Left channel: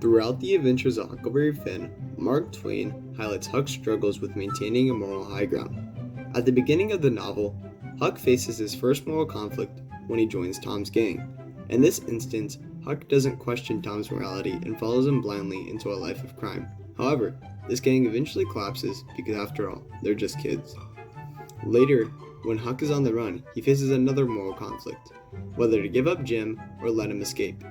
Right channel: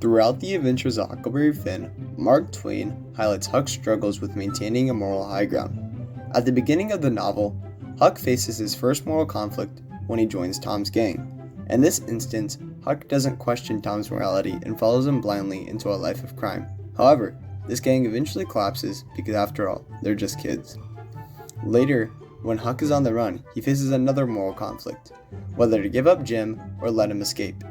Throughout the adventures of Huckleberry Finn, Mark Twain highlights Huck's struggles with maintaining a moral high ground. At the beginning of the novel, Huck faces his first moral conflict when he joins Tom's gang. In this instance, Huck doesn't question Tom's morality and follows him blindly into a life of crime. However, this gang eventually collapses because, after all, they're just kids. Later, when Huck is on the run, he faces another moral conflict, whether to give up Jim or let him escape.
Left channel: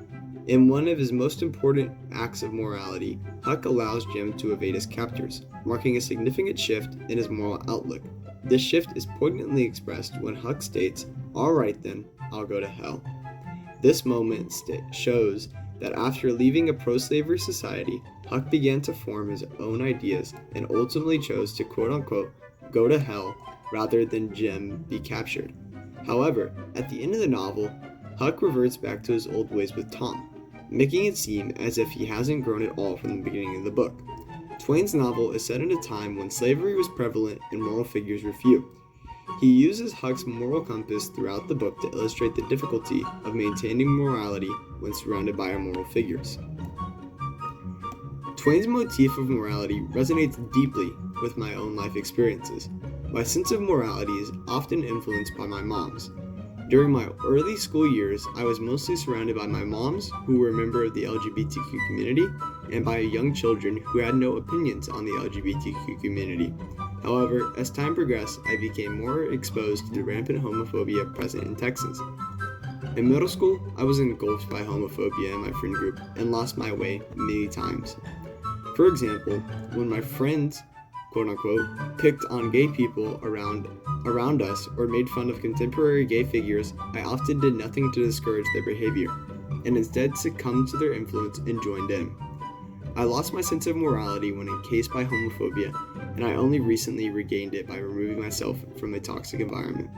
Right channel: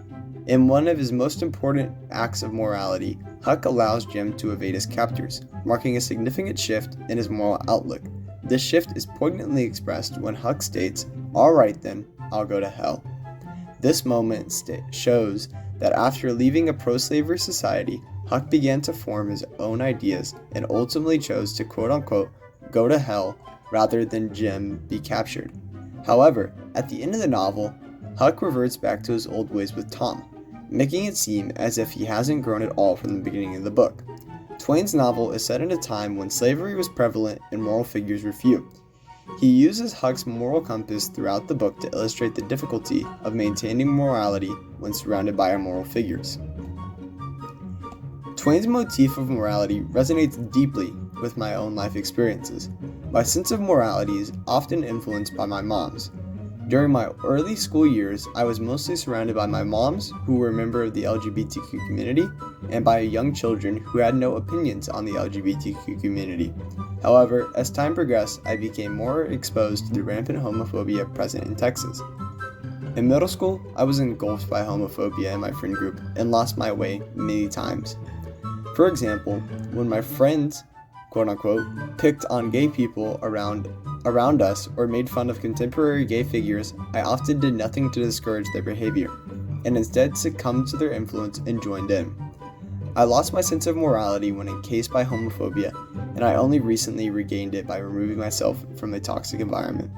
In one of his most important acts of morality, Huck allows Jim to evade his captors, marking a significant shift in his moral outlook. This shift is poignantly expressed when Huck states, "Alright then, I'll go to hell." This moment shows that after leaving a pro-slavery society, Huck began to form his own ideas and ultimately chose to quote-unquote go to hell rather than Jim be captured. However, at the end of the novel, Huck reverts back to his old ways with Tom, making it seem as if he hasn't grown at all from the beginning of the book. Twain's novel is set in a time when slavery was prevalent and moral figures were few. He uses Huck's moral compass throughout the book to illustrate the difficulty of maintaining morality when surrounded by immoral figures. Twain's motif of morality resonates deeply with my own life experiences. My sense of morality is often influenced by my mom's. During my early school years, I was mostly surrounded by my moms, who were a member of the LGBTQ community, and by young children who had no opinions on the LGBTQ community. However, as time progressed, I became more exposed to the rampant homophobia present in Texas. In middle school, I was engulfed by homophobia in my friend group and lost my way many times. For example, when my friends, quote-unquote, picked on gay people around us or made fun of contemporary gay figures, I often did nothing to discourage their behavior, and instead succumbed to their influence and joined in. I lost my sense of morality when encased by homophobia, and I only recently regained it by removing myself from a toxic environment.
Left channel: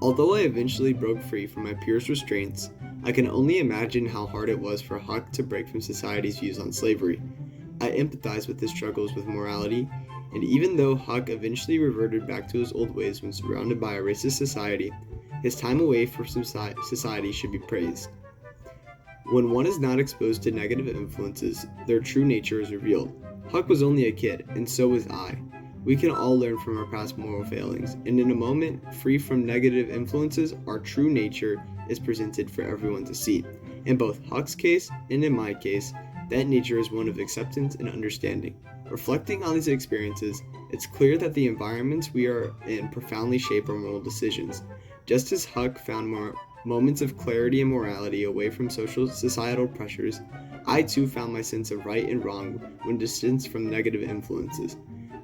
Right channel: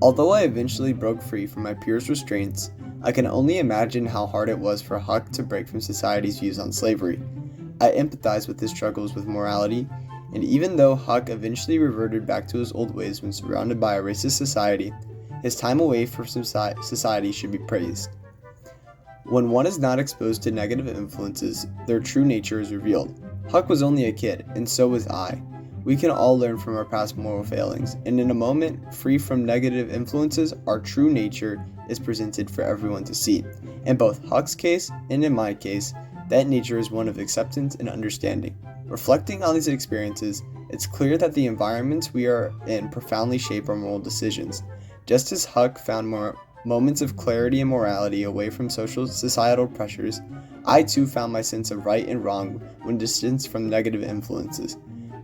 Although I eventually broke free from my peers' restraints, I can only imagine how hard it was for Huck to break from society's views on slavery. I empathize with his struggles with morality, and even though Huck eventually reverted back to his old ways when surrounded by a racist society, his time away from society should be praised. When one is not exposed to negative influences, their true nature is revealed. Huck was only a kid, and so was I. We can all learn from our past moral failings, and in a moment free from negative influences, our true nature is presented for everyone to see. In both Huck's case and in my case, that nature is one of acceptance and understanding. Reflecting on these experiences, it's clear that the environments we are in profoundly shape our moral decisions. Just as Huck found moments of clarity and morality away from societal pressures, I too found my sense of right and wrong when distanced from negative influences.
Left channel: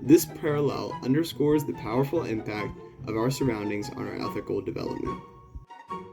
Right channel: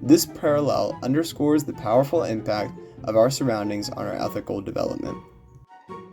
This parallel underscores the powerful impact of our surroundings on our ethical development.